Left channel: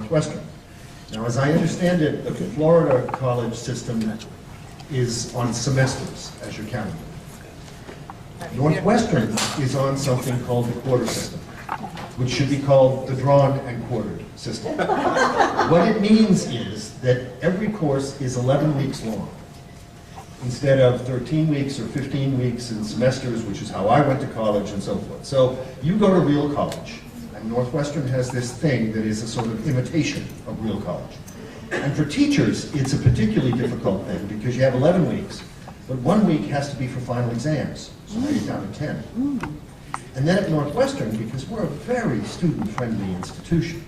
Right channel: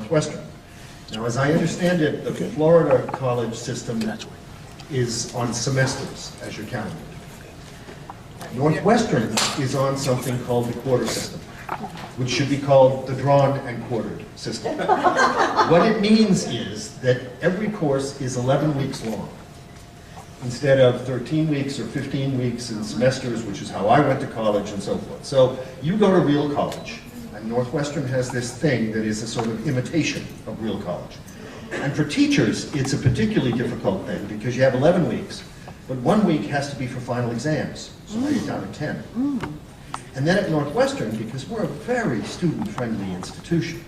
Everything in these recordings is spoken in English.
Northwestern. Now, as I understand it, the Florida college system is on semesters, as you're counting it. Northwestern is on something called the quarter system, which should be called the drawn and quartered system. What it means is that every course is 11 weeks long, instead of 13 weeks or 15 weeks in semesters, which is how I went to college and so forth. So you go to real college, and Northwestern has this thing that is a sort of imitation of real college. And for teachers, it's a particularly difficult thing because you have 11 weeks, but 1 week has to be for final exams, so now you're down to 10. And then at Northwestern, because we're a very student-friendly institution,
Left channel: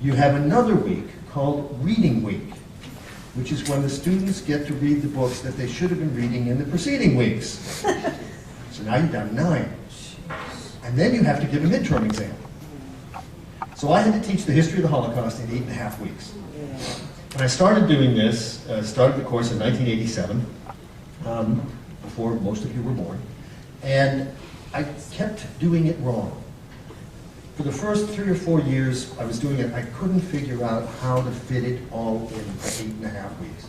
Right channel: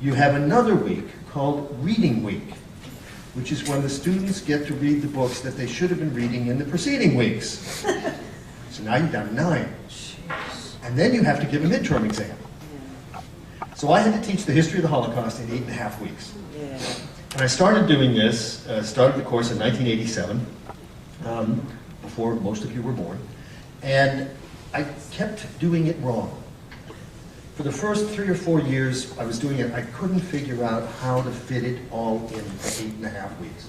you have another week called Reading Week, which is when the students get to read the books that they should have been reading in the preceding weeks. So now you're down to 9. And then you have to give a midterm exam. So I had to teach the history of the Holocaust in 8.5 weeks. And I started doing this, started the course in 1987, before most of you were born. And I kept doing it wrong. For the first 3 or 4 years I was doing it, I couldn't figure out how to fit it all in for 8.5 weeks.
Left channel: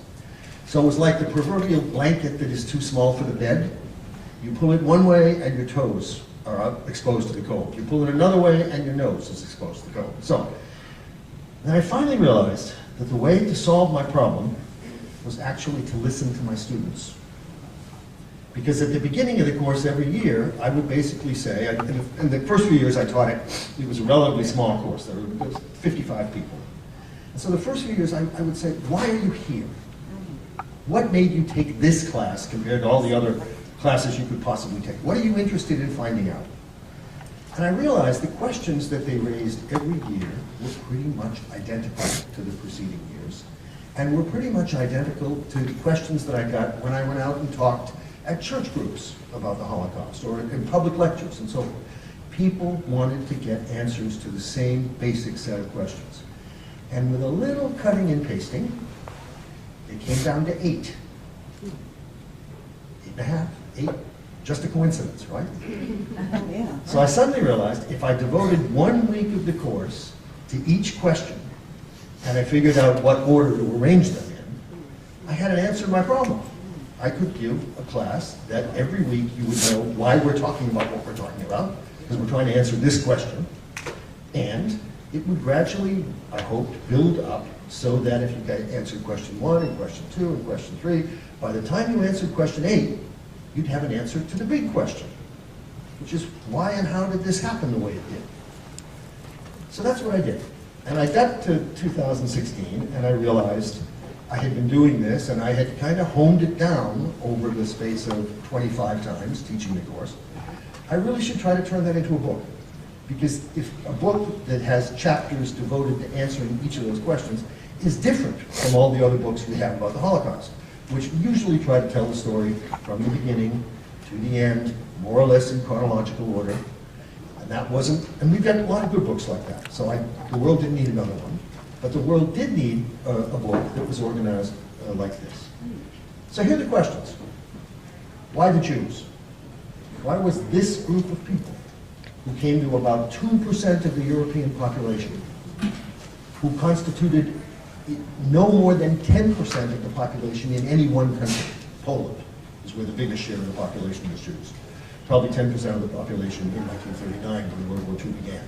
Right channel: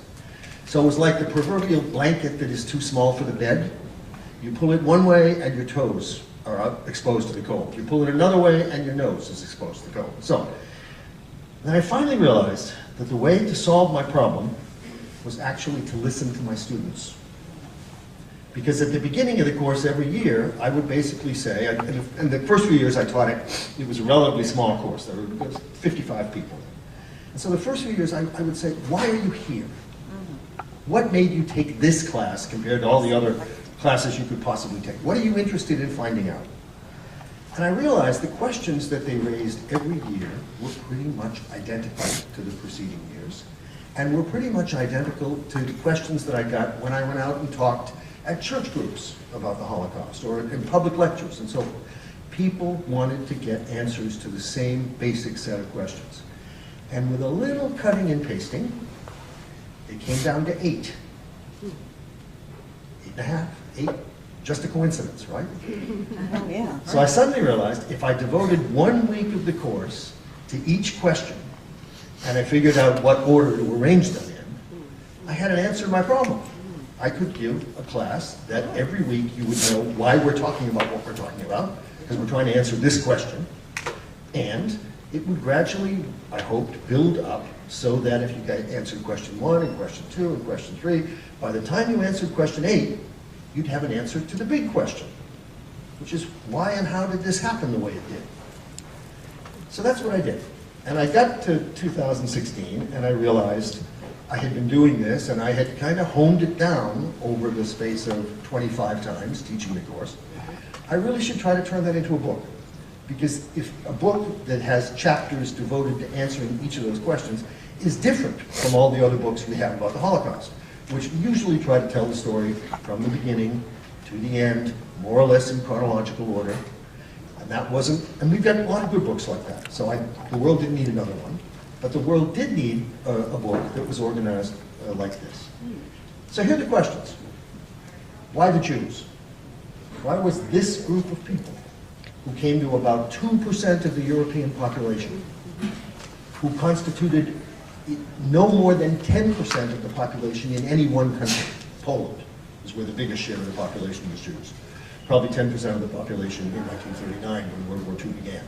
So it was like the proverbial blanket that is too small for the bed. You pull it one way and your toes are exposed to the cold. You pull it another way and your nose is exposed to the cold. So then I finally realized that the way to solve my problem was actually to listen to my students. Because at the beginning of the course every year, I would basically say, and the first few years I taught it, it was a relatively small course. There were 55 people. And so the first few years I would say, why are you here? What made you take this class compared to all the other classes you could possibly take? What are you interested in finding out? And I realized the questions that they raised every year were pretty much identical to the preceding years, and were pretty much identical to the questions that I got when I went out and talked at church groups about the Holocaust, or in public lectures and so forth. People wanted to get answers to the same basic set of questions. And with a little cutting and pasting, it came down to 8. 8.5, 8, just a coincidence, right? Yeah. So I suddenly realized if I devoted 1 week of the course to each question, and I figured out what order to arrange them in, I had an answer to my problem. I could give a class that every week you would know why we're talking about what we're talking about, because we're trying to answer this question, and it would gradually, I hoped, build up so that if you answered question 1 and question 2 and question 3, by the time you answered question 8, you'd have an answer to the big question, which is why and how did this happen the way it did? So that's what I did. And I got to 2016 and I realized I had been doing this and I had kind of honed it down over the space of 25 times teaching the course. I really should try to turn that into a book. Because if a book that has chapters devoted to answering each of those questions is different from all the other books we have about the Holocaust, which usually try to tell the story from the beginning to the end, more or less in chronological order. And that wasn't, and we've got a lot of good books like that. So the world didn't need another one. But the world did need a book that was organized like this. So here are the questions. Why the Jews? Why was this group of people, who came to about 2% of the European population, who constituted no more than 10% of the population in any one country? Poland is where the biggest share of the population was Jews. Probably 10% of the population in 1939 when World War II began.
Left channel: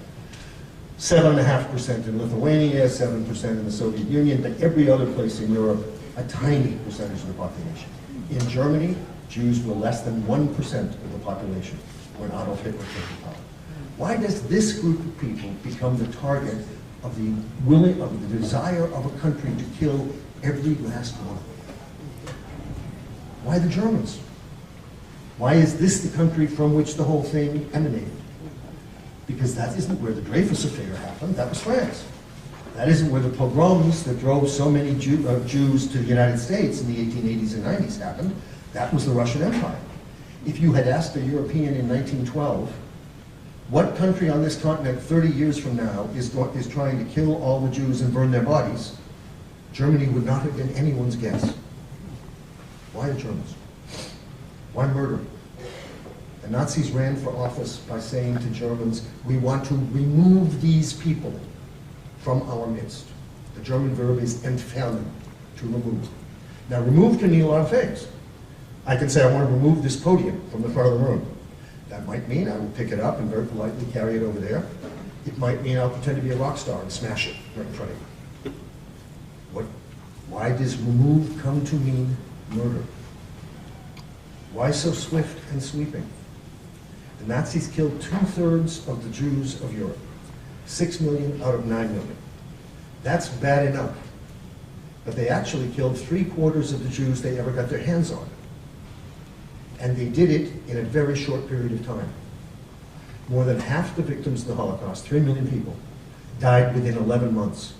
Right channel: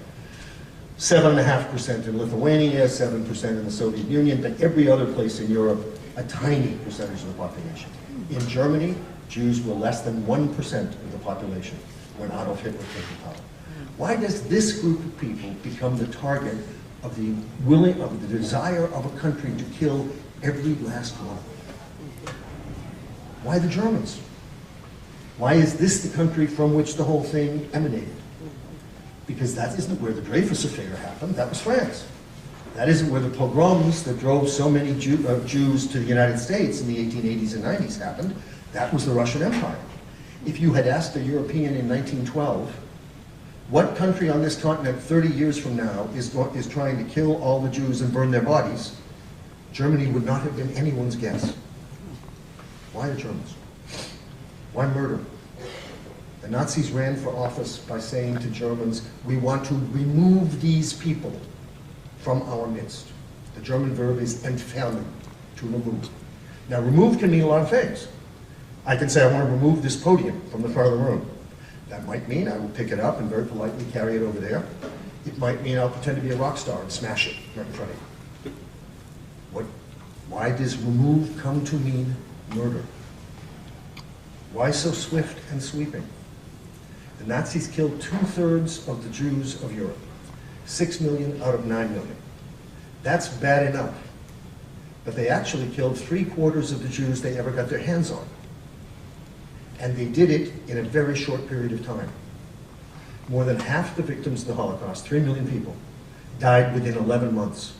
7.5% in Lithuania, 7% in the Soviet Union, but every other place in Europe, a tiny percentage of the population. In Germany, Jews were less than 1% of the population when Adolf Hitler came to power. Why does this group of people become the target of the desire of a country to kill every last one? Why the Germans? Why is this the country from which the whole thing emanated? Because that isn't where the Dreyfus affair happened, that was France. That isn't where the pogroms that drove so many Jews to the United States in the 1880s and 90s happened, that was the Russian Empire. If you had asked a European in 1912, what country on this continent 30 years from now is trying to kill all the Jews and burn their bodies, Germany would not have been anyone's guess. Why the Germans? Why murder? The Nazis ran for office by saying to Germans, we want to remove these people from our midst. The German verb is entfernen, to remove. Now, remove can mean a lot of things. I can say I want to remove this podium from the front of the room. That might mean I will pick it up and very politely carry it over there. It might mean I'll pretend to be a rock star and smash it right in front of you. Why does remove come to mean murder? Why so swift and sweeping? The Nazis killed 2/3 of the Jews of Europe, 6 million out of 9 million. That's bad enough, but they actually killed 3/4 of the Jews they ever got their hands on. And they did it in a very short period of time. More than half the victims of the Holocaust, 3 million people, died within 11 months,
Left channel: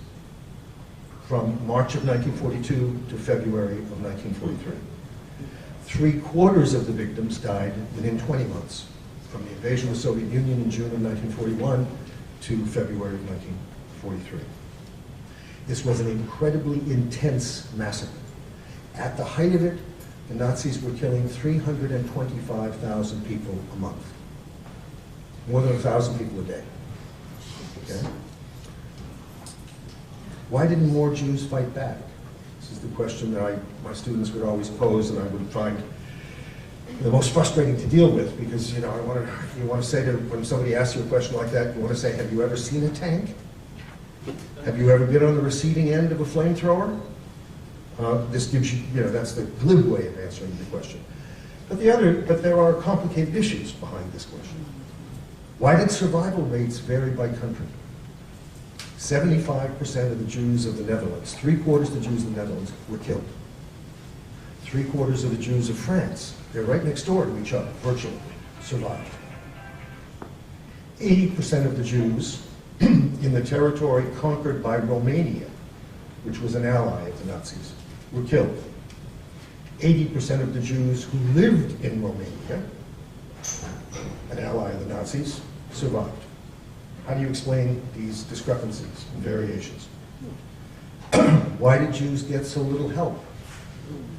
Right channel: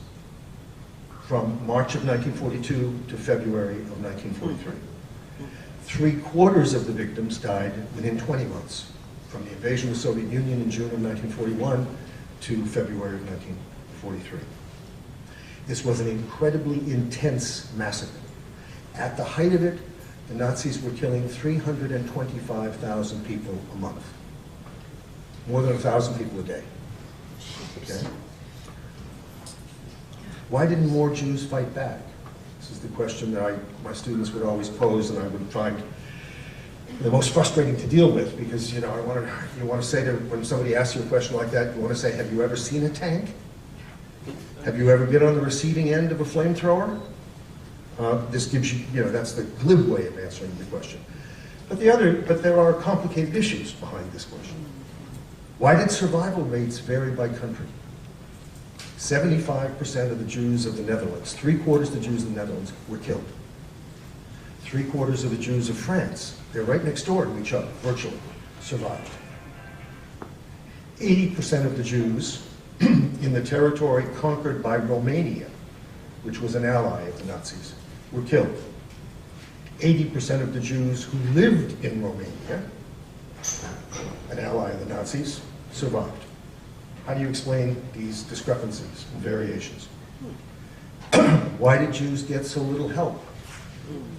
from March of 1942 to February of 1943. 3/4 of the victims died within 20 months, from the invasion of the Soviet Union in June of 1941 to February of 1943. This was an incredibly intense massacre. At the height of it, the Nazis were killing 325,000 people a month. More than 1,000 people a day. Okay? Why didn't more Jews fight back? This is the question that my students would always pose, and I would find the most frustrating to deal with, because you want to say to, when somebody asks you a question like that, you want to say, have you ever seen a tank? Have you ever been on the receiving end of a flamethrower? This gives you, that's the glib way of answering the question. But there are complicated issues behind this question. Why did survival rates vary by country? 75% of the Jews of the Netherlands, 3/4 of the Jews of the Netherlands were killed. 3/4 of the Jews of France, they're right next door to each other, virtually, survived. 80% of the Jews in the territory conquered by Romania, which was an ally of the Nazis, were killed. 80% of the Jews who lived in Romania, an ally of the Nazis, survived. How do you explain these discrepancies and variations? Why did Jews get so little help,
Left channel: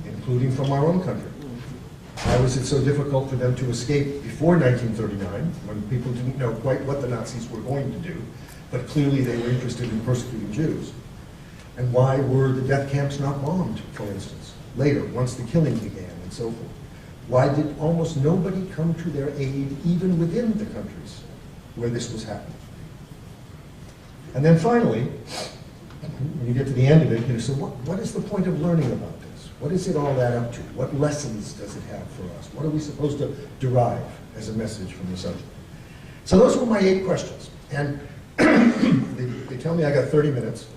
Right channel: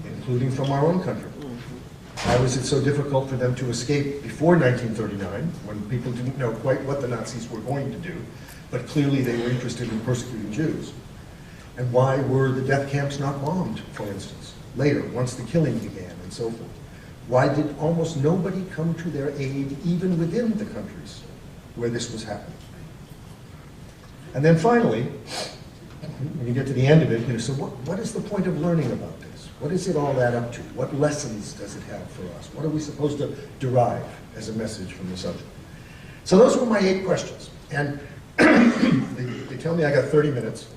including from our own country? Why was it so difficult for them to escape before 1939, when people didn't know quite what the Nazis were going to do, but clearly they were interested in persecuting Jews? And why were the death camps not bombed, for instance, later, once the killing began, and so forth? Why did almost nobody come to their aid, even within the countries where this was happening? And then finally, when you get to the end of it, so what is the point of learning about this? What is it all add up to? What lessons does it have for us? What are we supposed to derive as a message from the subject? So those were my 8 questions. And they tell me I got 30 minutes.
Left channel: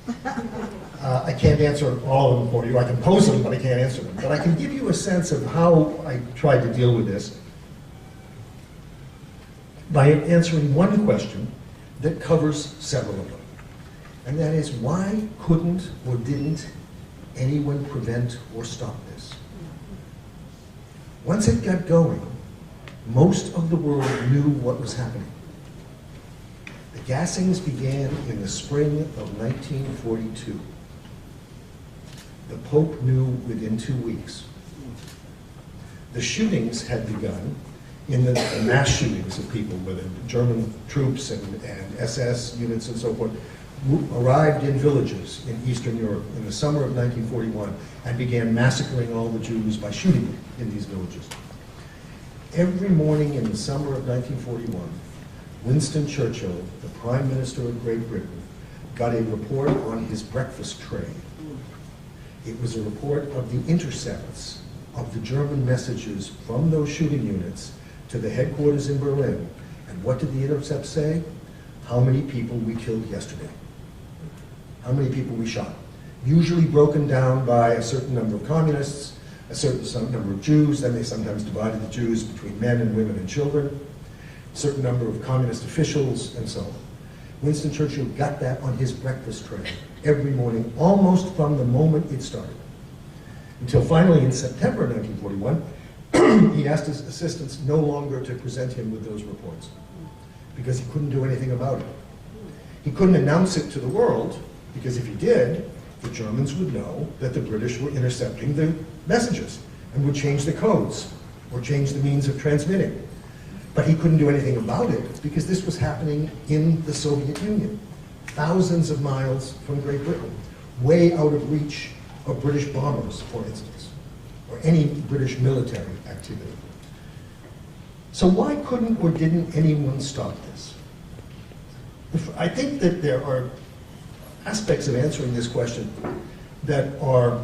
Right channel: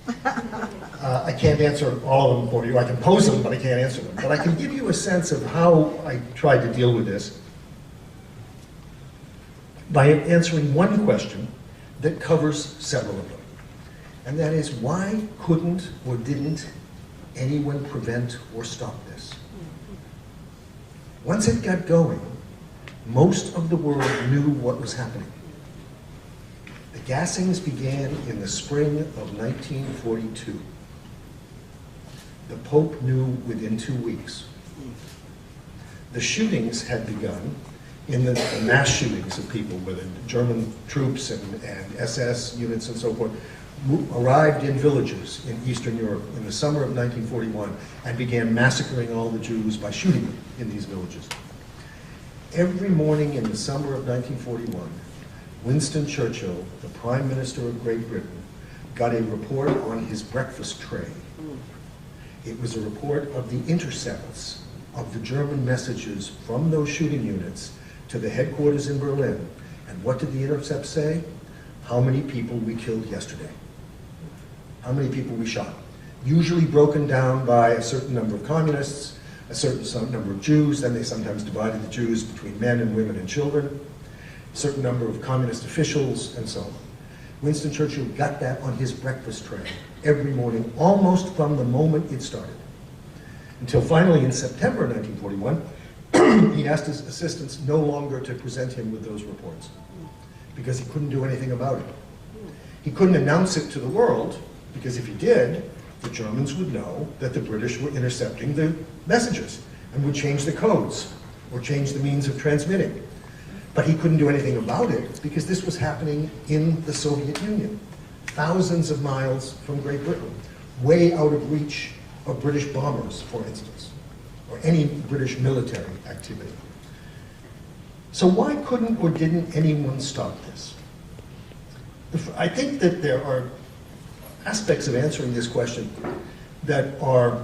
I can't answer all of them for you. I can pose them, but I can't answer them. But I can give you a sense of how I tried to deal with this by answering one question that covers several of them. And that is, why couldn't or didn't anyone prevent or stop this? Once it got going, most of the world knew what was happening. The gassings began in the spring of 1942. The Pope knew within 2 weeks. The shootings had begun in the mass shootings of people, where the German troops and SS units and so forth arrived in villages in Eastern Europe in the summer of 1941 and began massacring all the Jews by shooting them in these villages. Every morning in the summer of 1941, Winston Churchill, the Prime Minister of Great Britain, got a report on his breakfast tray. It was a report of the intercepts of the German messages from those shooting units to the headquarters in Berlin. And what did the intercept say? How many people we killed yesterday. How many people we shot. Usually broken down by a certain number of communists, a certain number of Jews, then they sometimes divided the Jews between men and women and children, a certain number of communist officials, and so on. Winston Churchill got that on his breakfast tray every morning, almost from the moment it started. Until finally in September 1941, he asked his assistants no longer to present him with those reports, because he couldn't do anything about it. He couldn't announce it to the world, because if he did, the Germans would know that the British were intercepting the messages and would change the codes or change the means of transmitting. But he couldn't do anything about it because this was happening in the Soviet Union. thousands of miles from Great Britain, way out of reach of British bombers, for instance, or any British military activity. So why couldn't or didn't anyone stop this? I think that there are aspects of answering this question that are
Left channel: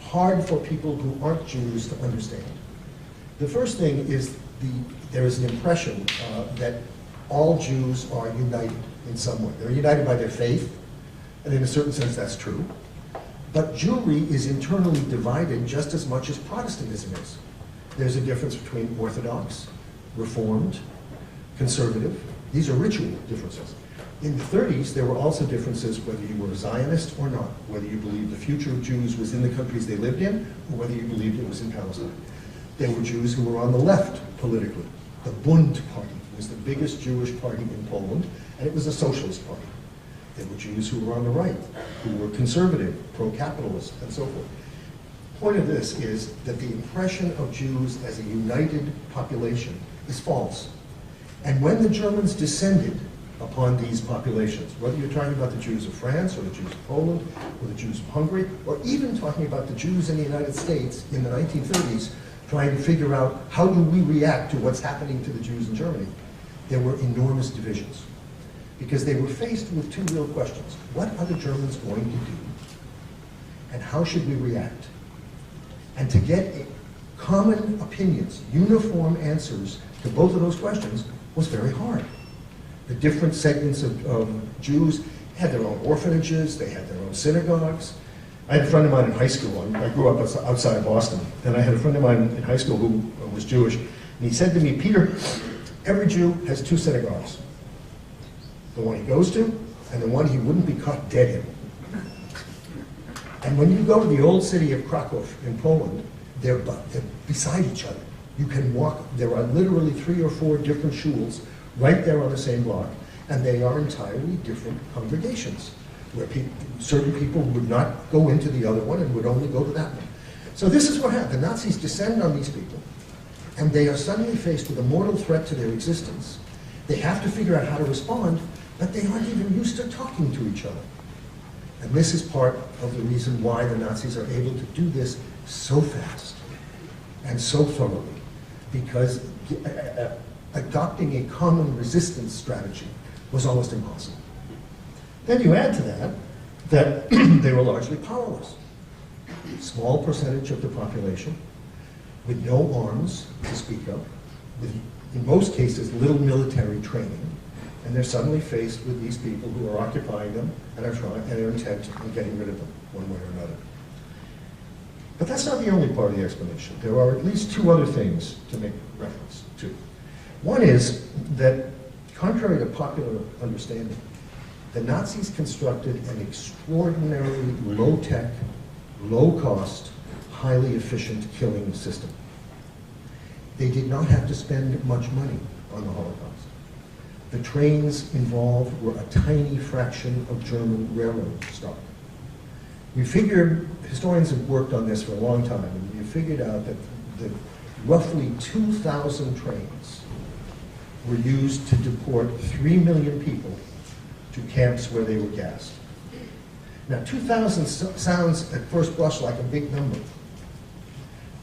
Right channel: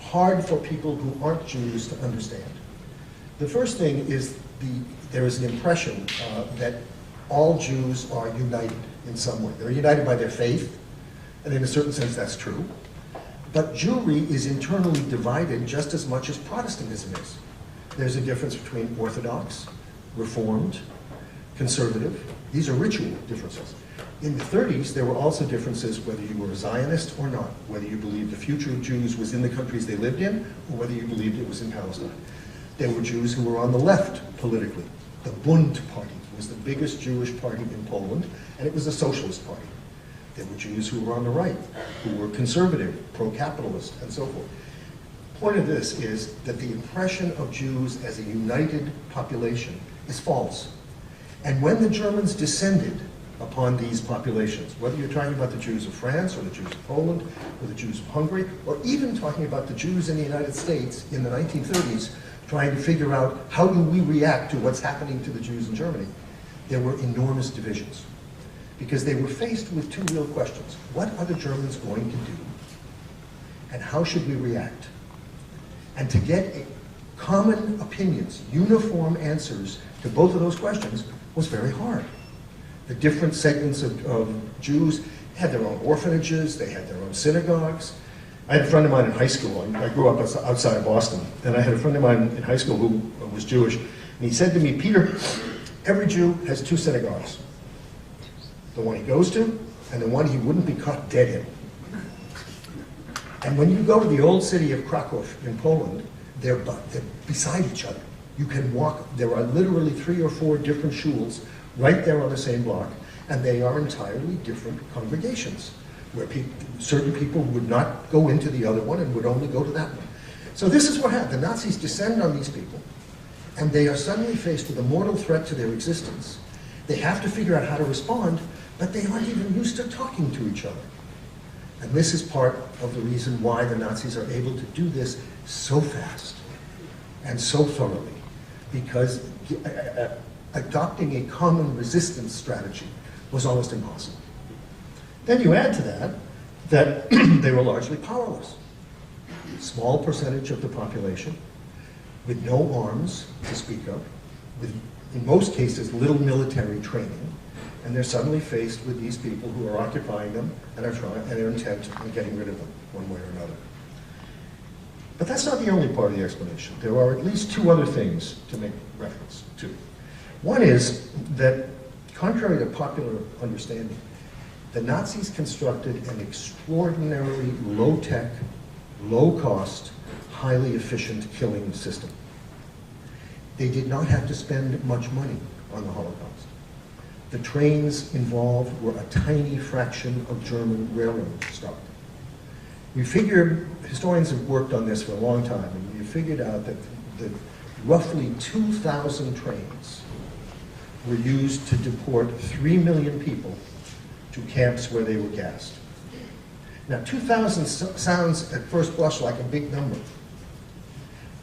hard for people who aren't Jews to understand. The first thing is there is an impression that all Jews are united in some way. They're united by their faith, and in a certain sense that's true. But Jewry is internally divided just as much as Protestantism is. There's a difference between Orthodox, Reformed, Conservative. These are ritual differences. In the 30s, there were also differences whether you were a Zionist or not, whether you believed the future of Jews was in the countries they lived in, or whether you believed it was in Palestine. There were Jews who were on the left politically. The Bund Party was the biggest Jewish party in Poland, and it was a socialist party. There were Jews who were on the right, who were conservative, pro-capitalist, and so forth. The point of this is that the impression of Jews as a united population is false. And when the Germans descended upon these populations, whether you're talking about the Jews of France, or the Jews of Poland, or the Jews of Hungary, or even talking about the Jews in the United States in the 1930s, trying to figure out how do we react to what's happening to the Jews in Germany, there were enormous divisions. Because they were faced with two real questions. What are the Germans going to do? And how should we react? And to get common opinions, uniform answers to both of those questions was very hard. The different segments of Jews had their own orphanages, they had their own synagogues. I had a friend of mine in high school, I grew up outside Boston, and I had a friend of mine in high school who was Jewish, and he said to me, Peter, every Jew has two synagogues. The one he goes to, and the one he wouldn't be caught dead in. And when you go to the old city of Krakow in Poland, they're beside each other. You can walk, there are literally 3 or 4 different shuls right there on the same block, and they are entirely different congregations, where certain people would not go into the other one and would only go to that one. So this is what happened. The Nazis descend on these people, and they are suddenly faced with a mortal threat to their existence. They have to figure out how to respond, but they aren't even used to talking to each other. And this is part of the reason why the Nazis are able to do this so fast and so thoroughly, because adopting a common resistance strategy was almost impossible. Then you add to that they were largely powerless. Small percentage of the population with no arms to speak of, with, in most cases, little military training, and they're suddenly faced with these people who are occupying them and are intent on getting rid of them one way or another. But that's not the only part of the explanation. There are at least 2 other things to make reference to. One is that, contrary to popular understanding, the Nazis constructed an extraordinarily low-tech, low-cost, highly efficient killing system. They did not have to spend much money on the Holocaust. The trains involved were a tiny fraction of German railroad stock. We figured, historians have worked on this for a long time, and we figured out that roughly 2,000 trains were used to deport 3 million people to camps where they were gassed. Now, 2,000 sounds at first blush like a big number,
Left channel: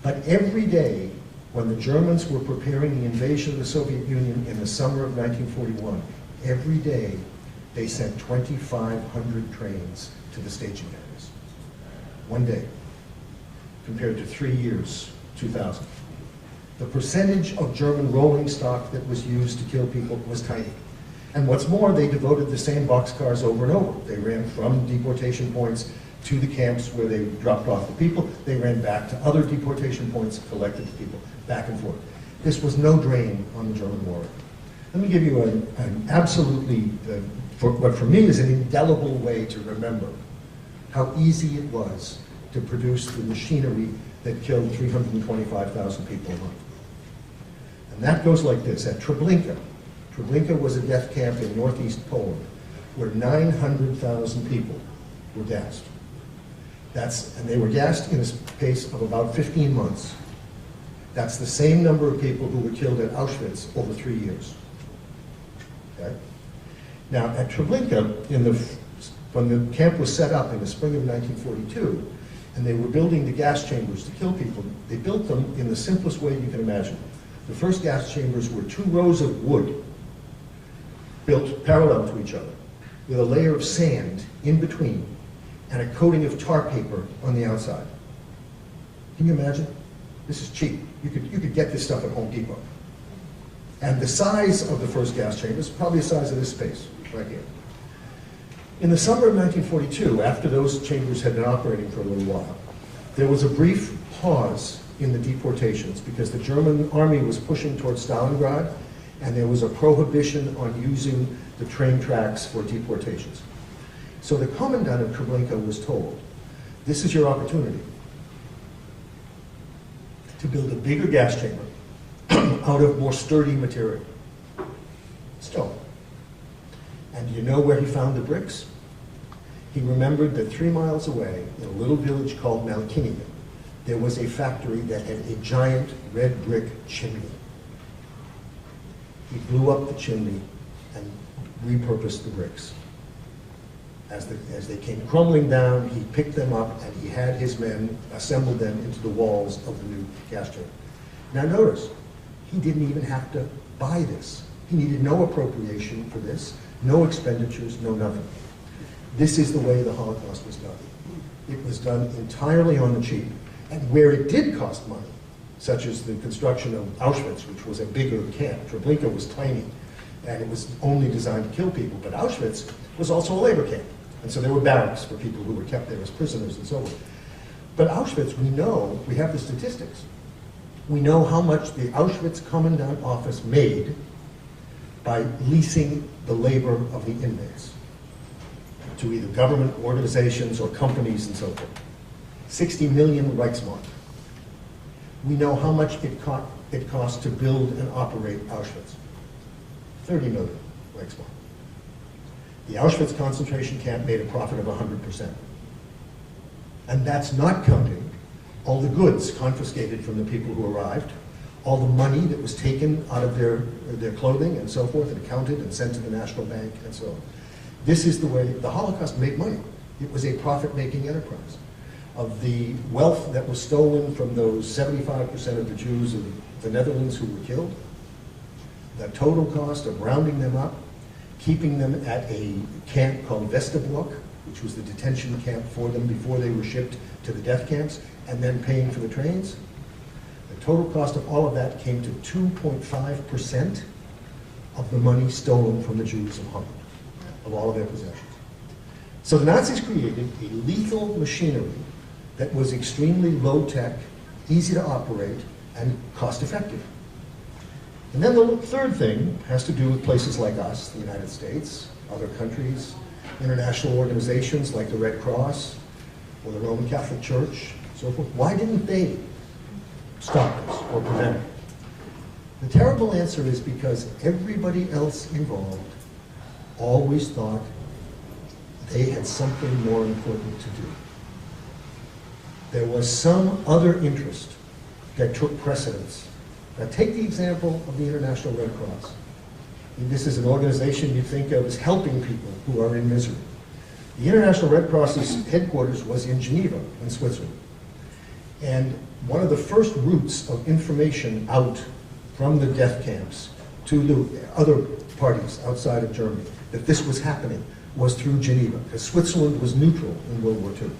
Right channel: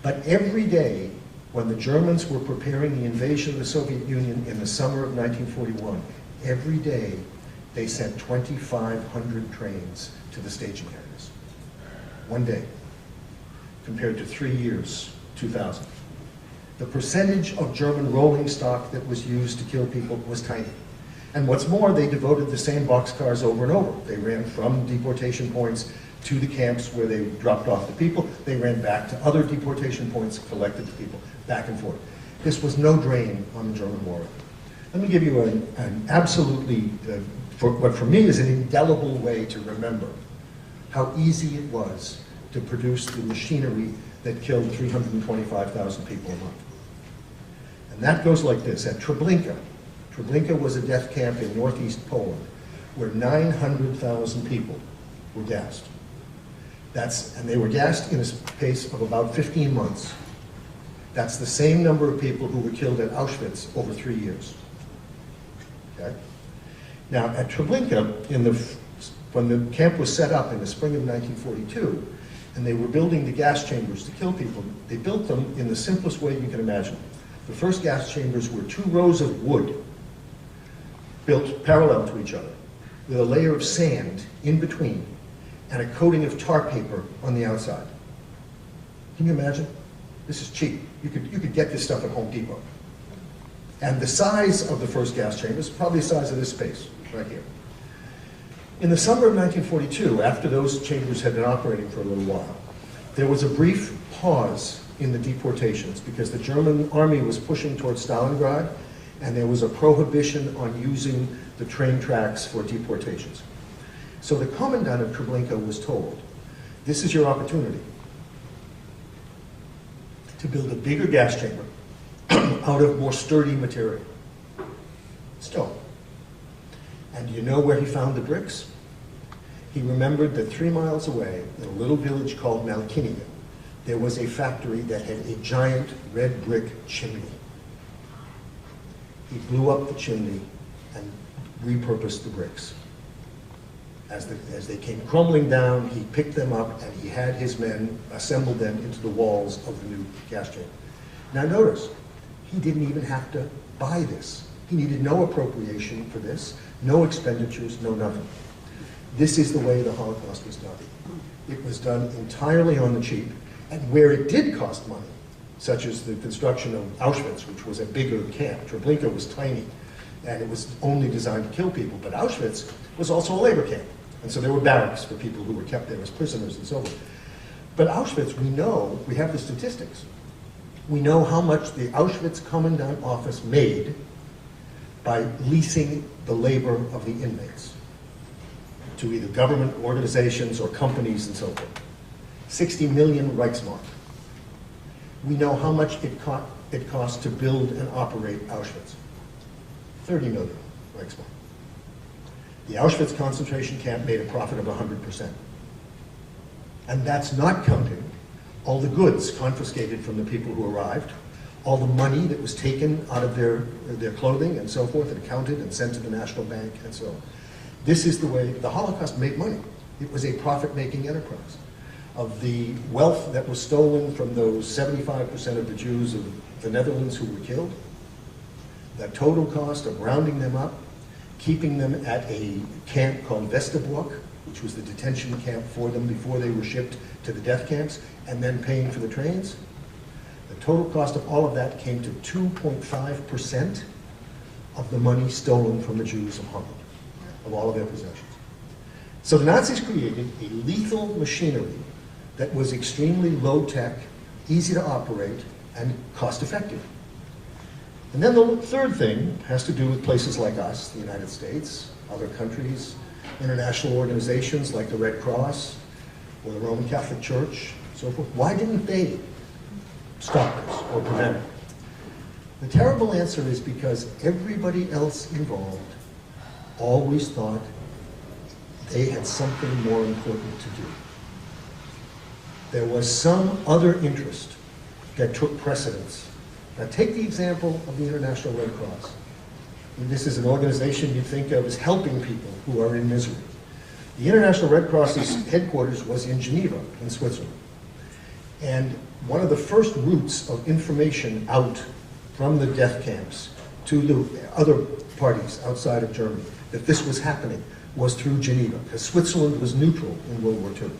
but every day when the Germans were preparing the invasion of the Soviet Union in the summer of 1941, every day they sent 2,500 trains to the staging areas. One day, compared to 3 years, 2,000. The percentage of German rolling stock that was used to kill people was tiny. And what's more, they devoted the same boxcars over and over. They ran from deportation points to the camps where they dropped off the people. They ran back to other deportation points, collected the people, back and forth. This was no drain on the German war. Let me give you an absolutely, what for me is an indelible way to remember how easy it was to produce the machinery that killed 325,000 people a month. And that goes like this. At Treblinka, Treblinka was a death camp in northeast Poland where 900,000 people were gassed. And they were gassed in a space of about 15 months. That's the same number of people who were killed at Auschwitz over 3 years. Okay? Now, at Treblinka, when the camp was set up in the spring of 1942, and they were building the gas chambers to kill people, they built them in the simplest way you can imagine. The first gas chambers were 2 rows of wood built parallel to each other, with a layer of sand in between, and a coating of tar paper on the outside. Can you imagine? This is cheap. You could get this stuff at Home Depot. And the size of the first gas chamber is probably the size of this space, right here. In the summer of 1942, after those chambers had been operating for a little while, there was a brief pause in the deportations because the German army was pushing towards Stalingrad, and there was a prohibition on using the train tracks for deportations. So the commandant of Treblinka was told, this is your opportunity to build a bigger gas chamber out of more sturdy material, stone. And do you know where he found the bricks? He remembered that 3 miles away, in a little village called Malkinia, there was a factory that had a giant red brick chimney. He blew up the chimney and repurposed the bricks. As they came crumbling down, he picked them up and he had his men assemble them into the walls of the new gas chamber. Now notice, he didn't even have to buy this. He needed no appropriation for this, no expenditures, no nothing. This is the way the Holocaust was done. It was done entirely on the cheap, and where it did cost money, such as the construction of Auschwitz, which was a bigger camp. Treblinka was tiny, and it was only designed to kill people, but Auschwitz was also a labor camp, and so there were barracks for people who were kept there as prisoners and so forth. But Auschwitz, we have the statistics. We know how much the Auschwitz Commandant Office made by leasing the labor of the inmates to either government organizations or companies and so forth. 60 million Reichsmark. We know how much it cost to build and operate Auschwitz. 30 million Reichsmark. The Auschwitz concentration camp made a profit of 100%. And that's not counting all the goods confiscated from the people who arrived, all the money that was taken out of their clothing and so forth, and counted and sent to the National Bank and so on. This is the way the Holocaust made money. It was a profit-making enterprise. Of the wealth that was stolen from those 75% of the Jews of the Netherlands who were killed, the total cost of rounding them up, keeping them at a camp called Westerbork, which was the detention camp for them before they were shipped to the death camps, and then paying for the trains, the total cost of all of that came to 2.5% of the money stolen from the Jews of Holland, of all of their possessions. So the Nazis created a lethal machinery that was extremely low-tech, easy to operate, and cost-effective. And then the third thing has to do with places like us, the United States, other countries, international organizations like the Red Cross or the Roman Catholic Church, so forth. Why didn't they stop this or prevent it? The terrible answer is because everybody else involved always thought they had something more important to do. There was some other interest that took precedence. Now take the example of the International Red Cross. This is an organization you think of as helping people who are in misery. The International Red Cross's headquarters was in Geneva, in Switzerland. And one of the first routes of information out from the death camps to the other parties outside of Germany, that this was happening, was through Geneva, because Switzerland was neutral in World War II.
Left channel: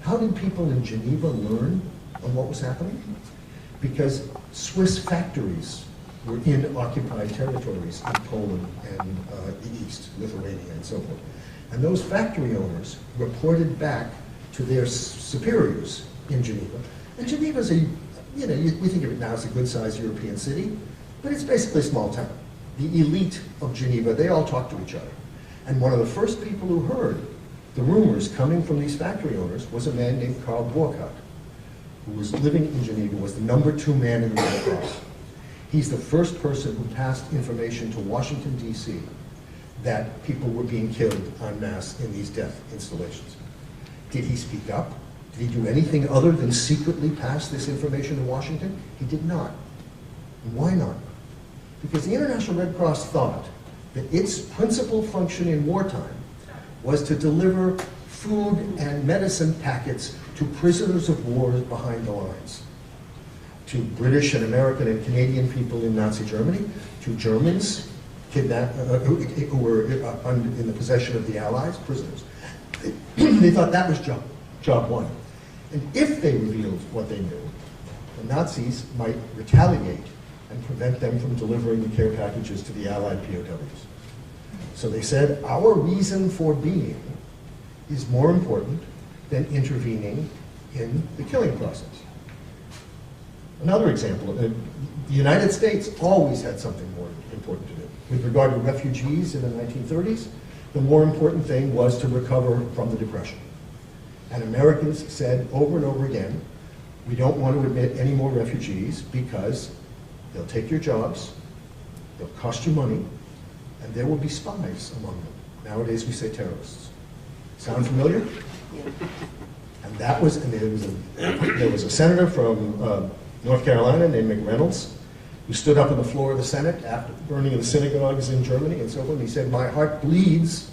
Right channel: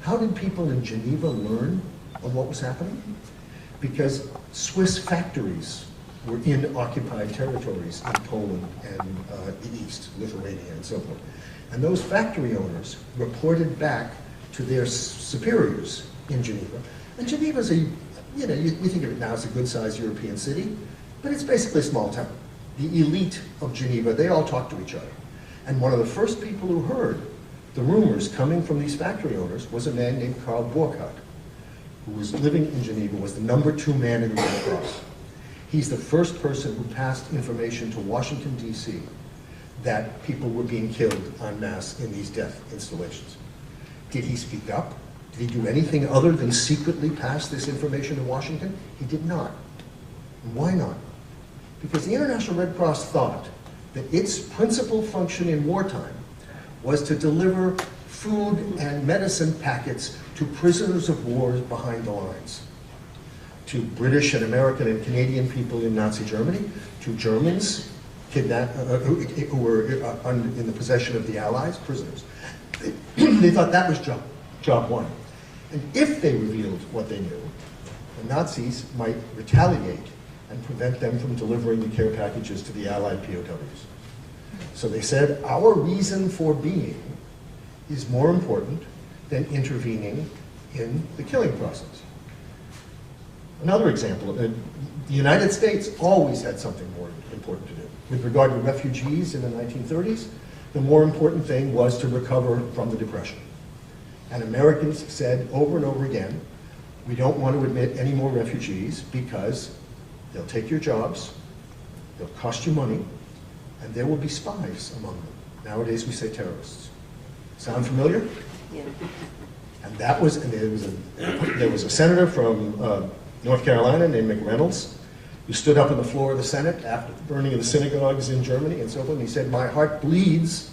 How did people in Geneva learn of what was happening? Because Swiss factories were in occupied territories in Poland and the East, Lithuania and so forth. And those factory owners reported back to their superiors in Geneva. And Geneva's we think of it now as a good-sized European city, but it's basically a small town. The elite of Geneva, they all talk to each other. And one of the first people who heard the rumors coming from these factory owners was a man named Karl Burkhardt, who was living in Geneva, was the #2 man in the Red Cross. He's the first person who passed information to Washington, D.C. that people were being killed en masse in these death installations. Did he speak up? Did he do anything other than secretly pass this information to Washington? He did not. And why not? Because the International Red Cross thought that its principal function in wartime was to deliver food and medicine packets to prisoners of war behind the lines, to British and American and Canadian people in Nazi Germany, to Germans who were in the possession of the Allies, prisoners. They thought that was job one. And if they revealed what they knew, the Nazis might retaliate and prevent them from delivering the care packages to the Allied POWs. So they said, our reason for being is more important than intervening in the killing process. Another example, the United States always had something more important to do. With regard to refugees in the 1930s, the more important thing was to recover from the Depression. And Americans said over and over again, we don't want to admit any more refugees because they'll take your jobs, they'll cost you money, and there will be spies among them. Nowadays we say terrorists. Sound familiar? Yeah. And that was, and there was a senator from North Carolina named McReynolds who stood up on the floor of the Senate after the burning of the synagogues in Germany and so forth, and he said, my heart bleeds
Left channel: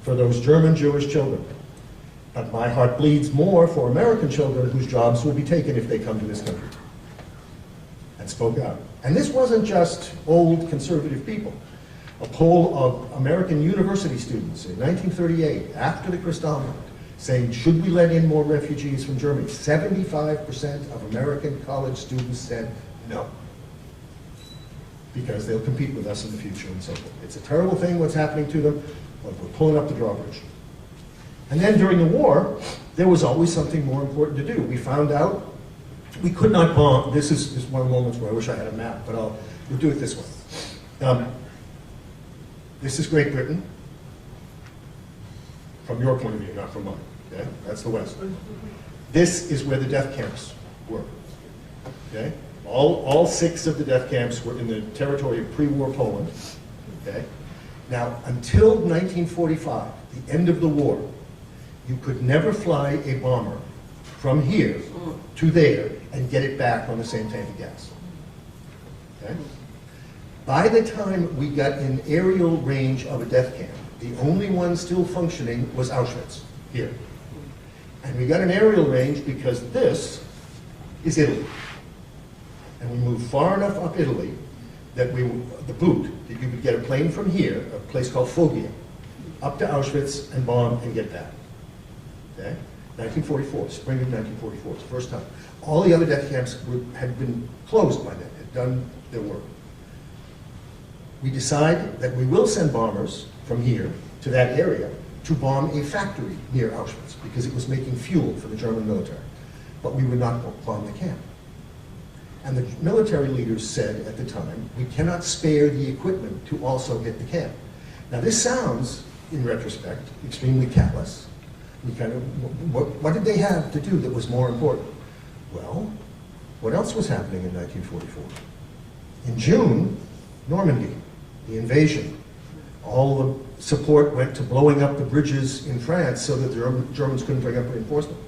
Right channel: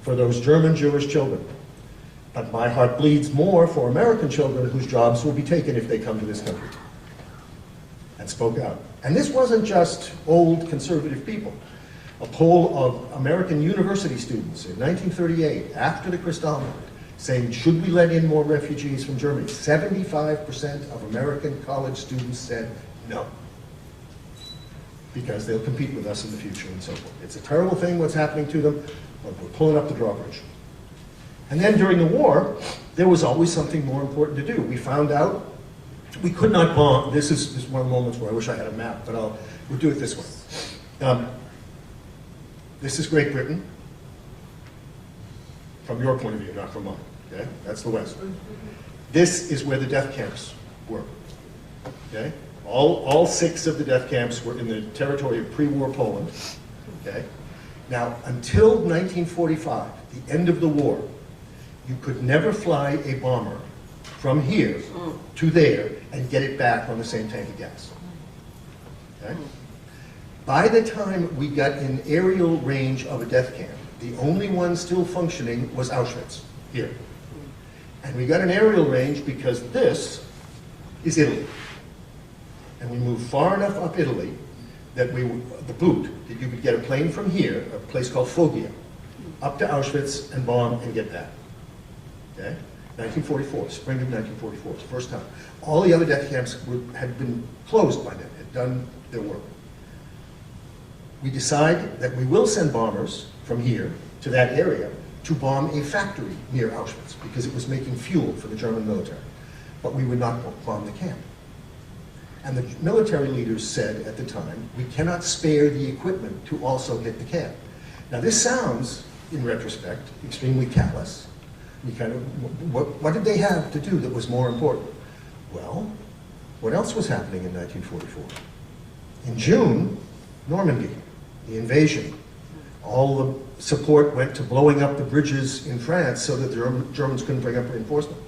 for those German Jewish children, but my heart bleeds more for American children whose jobs will be taken if they come to this country. And spoke out. And this wasn't just old conservative people. A poll of American university students in 1938, after the Kristallnacht, saying, should we let in more refugees from Germany? 75% of American college students said no, because they'll compete with us in the future and so forth. It's a terrible thing what's happening to them, but we're pulling up the drawbridge. And then during the war, there was always something more important to do. We found out we could not bomb. This is one of the moments where I wish I had a map, but we'll do it this way. This is Great Britain, from your point of view, not from mine. Okay? That's the West. This is where the death camps were. Okay? All 6 of the death camps were in the territory of pre-war Poland. Okay? Now, until 1945, the end of the war, you could never fly a bomber from here to there and get it back on the same tank of gas. Okay? By the time we got in aerial range of a death camp, the only one still functioning was Auschwitz, here. And we got an aerial range because this is Italy. And we moved far enough up Italy that the boot, that you could get a plane from here, a place called Foggia, up to Auschwitz and bomb and get back. Okay? 1944, spring of 1944, it's the first time. All the other death camps had been closed by then, had done their work. We decide that we will send bombers from here to that area to bomb a factory near Auschwitz because it was making fuel for the German military. But we would not bomb the camp. And the military leaders said at the time, we cannot spare the equipment to also hit the camp. Now this sounds, in retrospect, extremely callous. You kind of, what did they have to do that was more important? Well, what else was happening in 1944? In June, Normandy, the invasion. All the support went to blowing up the bridges in France so that the Germans couldn't bring up reinforcement.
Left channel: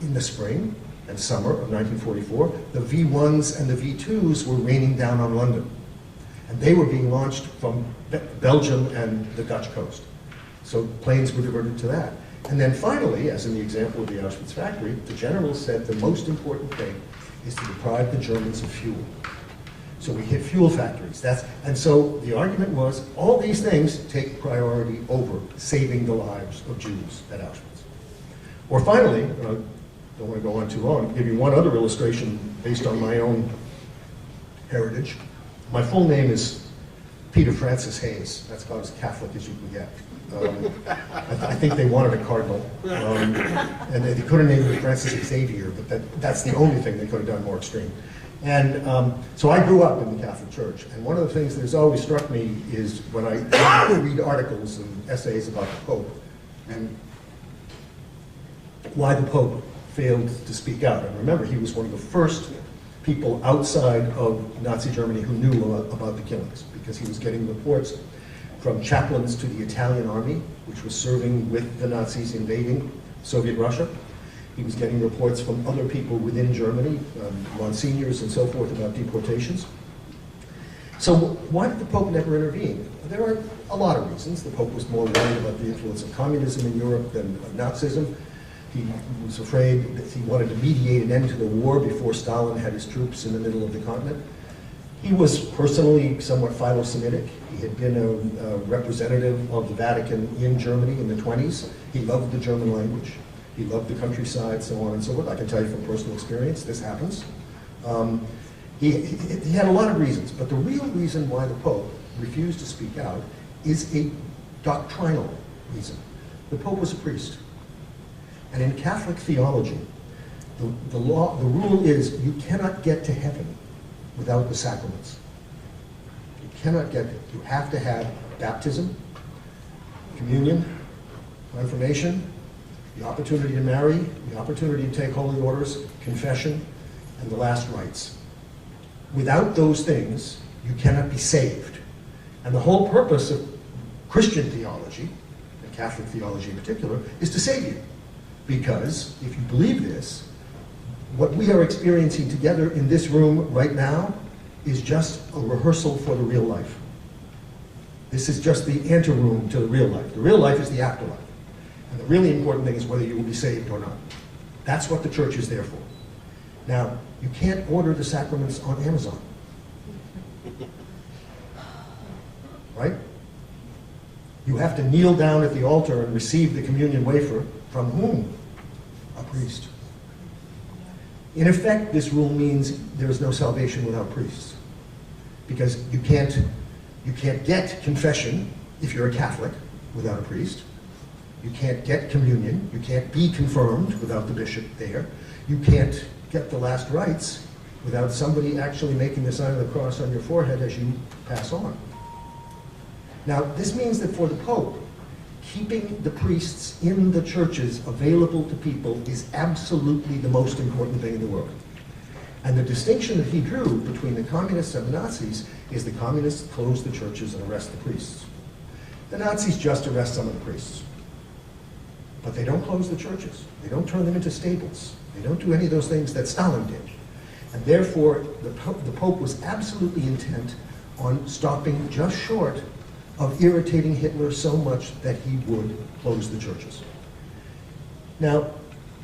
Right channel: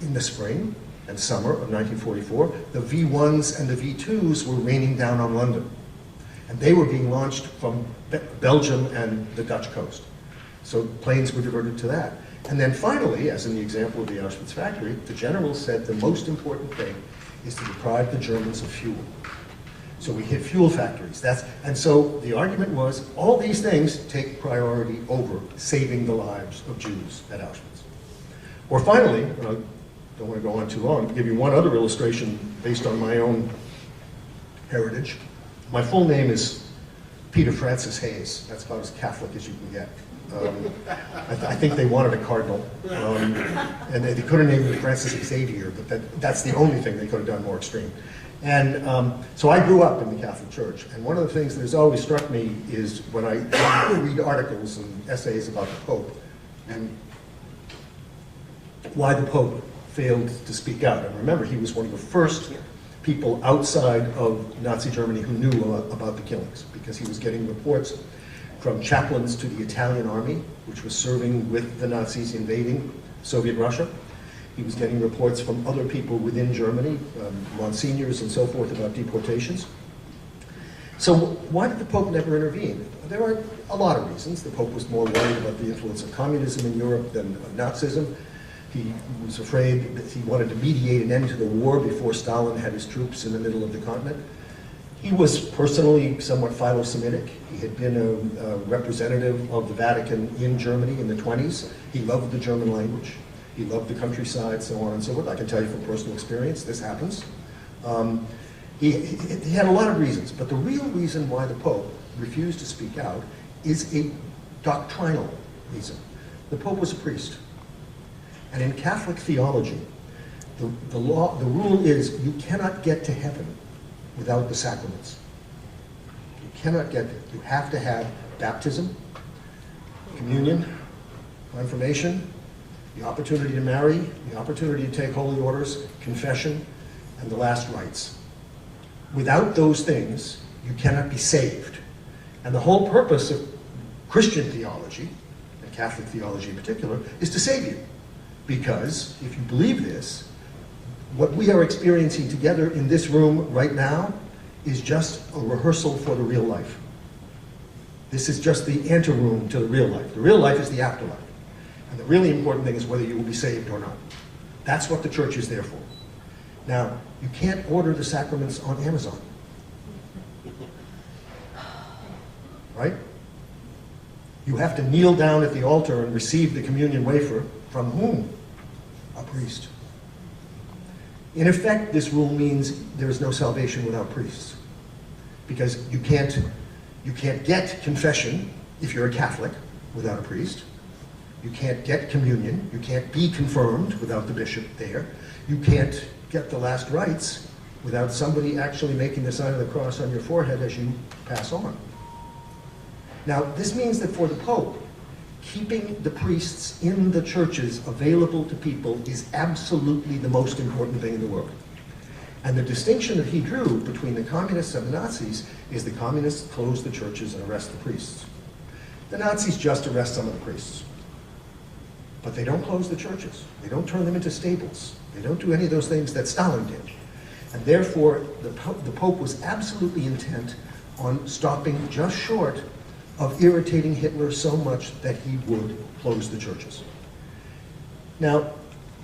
In the spring and summer of 1944, the V-1s and the V-2s were raining down on London. And they were being launched from Belgium and the Dutch coast. So planes were diverted to that. And then finally, as in the example of the Auschwitz factory, the generals said the most important thing is to deprive the Germans of fuel. So we hit fuel factories. And so the argument was, all these things take priority over saving the lives of Jews at Auschwitz. Or finally, I don't want to go on too long, to give you one other illustration based on my own heritage. My full name is Peter Francis Hayes. That's about as Catholic as you can get. I think they wanted a cardinal, and they could have named me Francis Xavier, but that's the only thing they could have done more extreme. And so I grew up in the Catholic Church, and one of the things that has always struck me is when I read articles and essays about the Pope, and why the Pope failed to speak out. And remember, he was one of the first people outside of Nazi Germany who knew about the killings, because he was getting reports from chaplains to the Italian army, which was serving with the Nazis invading Soviet Russia. He was getting reports from other people within Germany, monsignors and so forth, about deportations. So why did the Pope never intervene? There are a lot of reasons. The Pope was more worried about the influence of communism in Europe than of Nazism. He was afraid that he wanted to mediate an end to the war before Stalin had his troops in the middle of the continent. He was personally somewhat philo-Semitic. He had been a representative of the Vatican in Germany in the 20s. He loved the German language. He loved the countryside, so on and so forth. I can tell you from personal experience, this happens. He had a lot of reasons, but the real reason why the Pope refused to speak out is a doctrinal reason. The Pope was a priest. And in Catholic theology, the rule is you cannot get to heaven without the sacraments. You cannot get there. You have to have baptism, communion, confirmation, the opportunity to marry, the opportunity to take holy orders, confession, and the last rites. Without those things, you cannot be saved. And the whole purpose of Christian theology, and Catholic theology in particular, is to save you. Because if you believe this, what we are experiencing together in this room right now is just a rehearsal for the real life. This is just the anteroom to the real life. The real life is the afterlife. And the really important thing is whether you will be saved or not. That's what the church is there for. Now, you can't order the sacraments on Amazon. Right? You have to kneel down at the altar and receive the communion wafer from whom? A priest. In effect, this rule means there is no salvation without priests. Because you can't get confession if you're a Catholic without a priest. You can't get communion. You can't be confirmed without the bishop there. You can't get the last rites without somebody actually making the sign of the cross on your forehead as you pass on. Now, this means that for the Pope, keeping the priests in the churches available to people is absolutely the most important thing in the world. And the distinction that he drew between the communists and the Nazis is the communists close the churches and arrest the priests. The Nazis just arrest some of the priests. But they don't close the churches. They don't turn them into stables. They don't do any of those things that Stalin did. And therefore, the Pope was absolutely intent on stopping just short of irritating Hitler so much that he would close the churches. Now,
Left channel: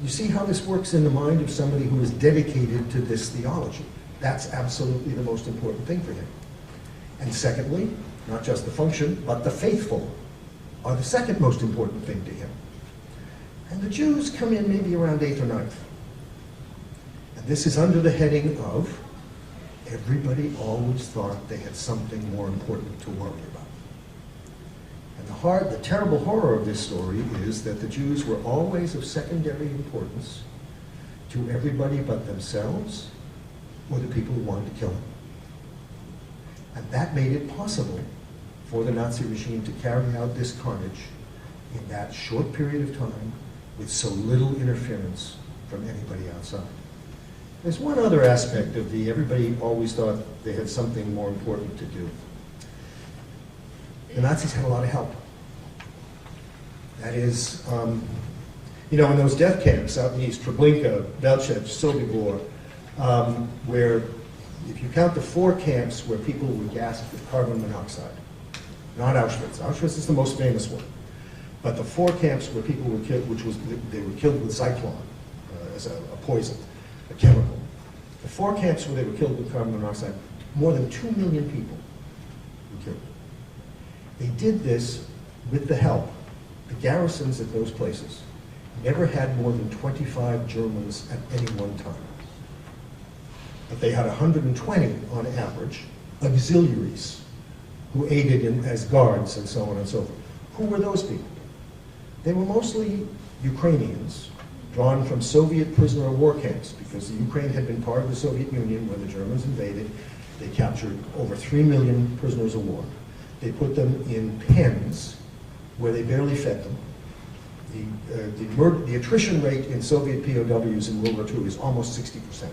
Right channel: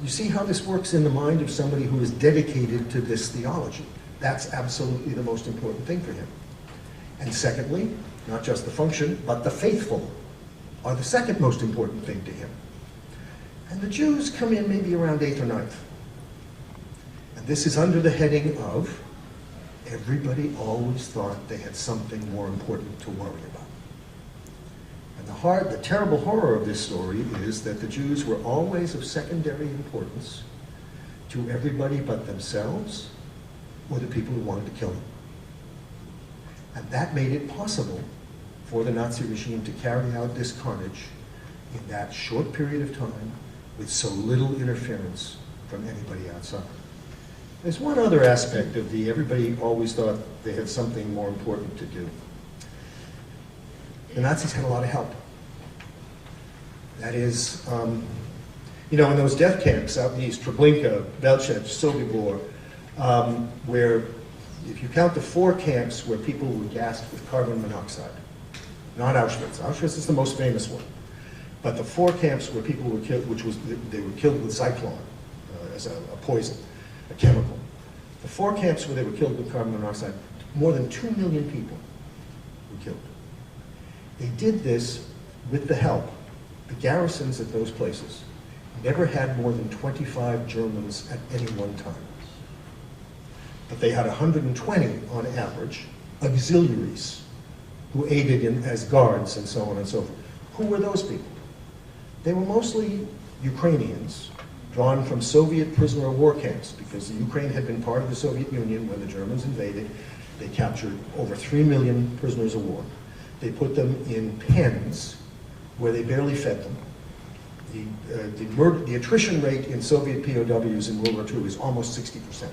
you see how this works in the mind of somebody who is dedicated to this theology. That's absolutely the most important thing for him. And secondly, not just the function, but the faithful are the second most important thing to him. And the Jews come in maybe around 8th or 9th. And this is under the heading of everybody always thought they had something more important to worry about. And the terrible horror of this story is that the Jews were always of secondary importance to everybody but themselves or the people who wanted to kill them. And that made it possible for the Nazi regime to carry out this carnage in that short period of time with so little interference from anybody outside. There's one other aspect of everybody always thought they had something more important to do. The Nazis had a lot of help. That is, in those death camps out in East, Treblinka, Belchec, Sobibor, where if you count the 4 camps where people were gassed with carbon monoxide, not Auschwitz. Auschwitz is the most famous one. But the 4 camps where people were killed, they were killed with Zyklon as a poison, a chemical. The 4 camps where they were killed with carbon monoxide, more than 2 million people were killed. They did this with the help. The garrisons at those places never had more than 25 Germans at any one time. But they had 120 on average auxiliaries who aided as guards and so on and so forth. Who were those people? They were mostly Ukrainians drawn from Soviet prisoner of war camps because the Ukraine had been part of the Soviet Union when the Germans invaded. They captured over 3 million prisoners of war. They put them in pens where they barely fed them. The attrition rate in Soviet POWs in World War II is almost 60%.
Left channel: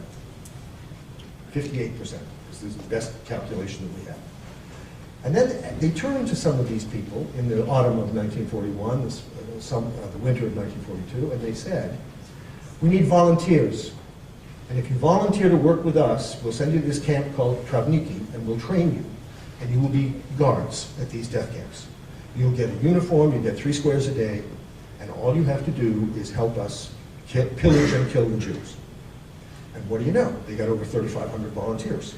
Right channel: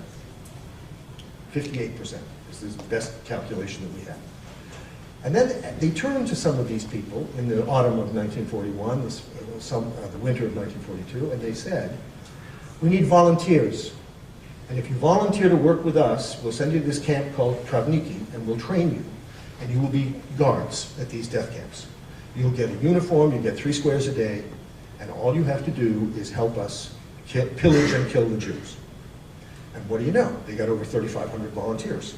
58% is the best calculation that we have. And then they turned to some of these people in the autumn of 1941, the winter of 1942, and they said, we need volunteers. And if you volunteer to work with us, we'll send you to this camp called Travniki, and we'll train you. and you will be guards at these death camps. You'll get a uniform, you get 3 squares a day, and all you have to do is help us pillage and kill the Jews. And what do you know? They got over 3,500 volunteers.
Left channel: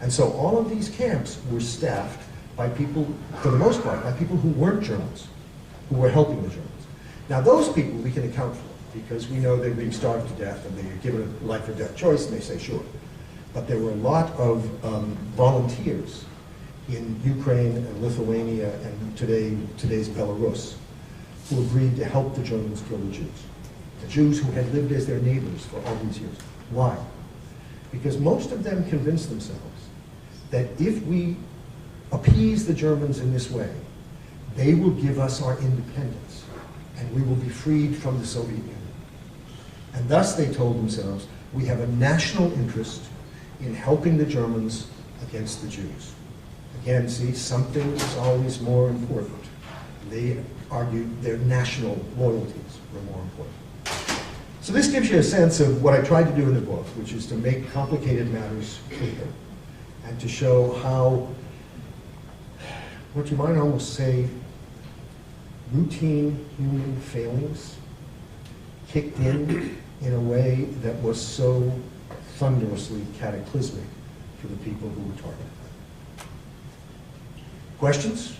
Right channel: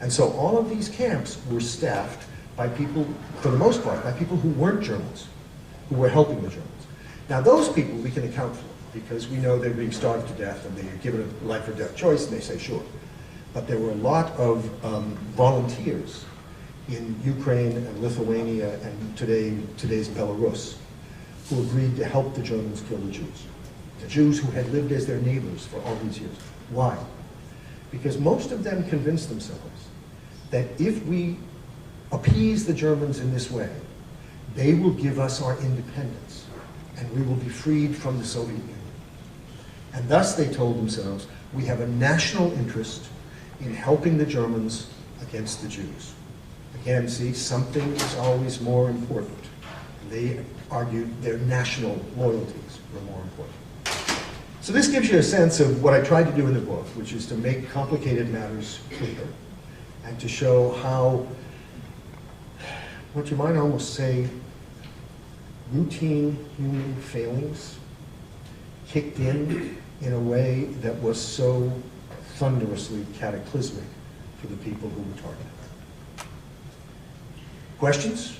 And so all of these camps were staffed by people, for the most part, by people who weren't Germans, who were helping the Germans. Now those people we can account for, because we know they're being starved to death and they're given a life or death choice, and they say sure. But there were a lot of volunteers in Ukraine and Lithuania and today's Belarus who agreed to help the Germans kill the Jews. The Jews who had lived as their neighbors for all these years. Why? Because most of them convinced themselves that if we appease the Germans in this way, they will give us our independence and we will be freed from the Soviet Union. And thus they told themselves, we have a national interest in helping the Germans against the Jews. Again, see, something is always more important. They argued their national loyalties were more important. So this gives you a sense of what I tried to do in the book, which is to make complicated matters clear and to show how, what you might almost say, routine human failings kicked in a way that was so thunderously cataclysmic for the people who were targeted. Questions?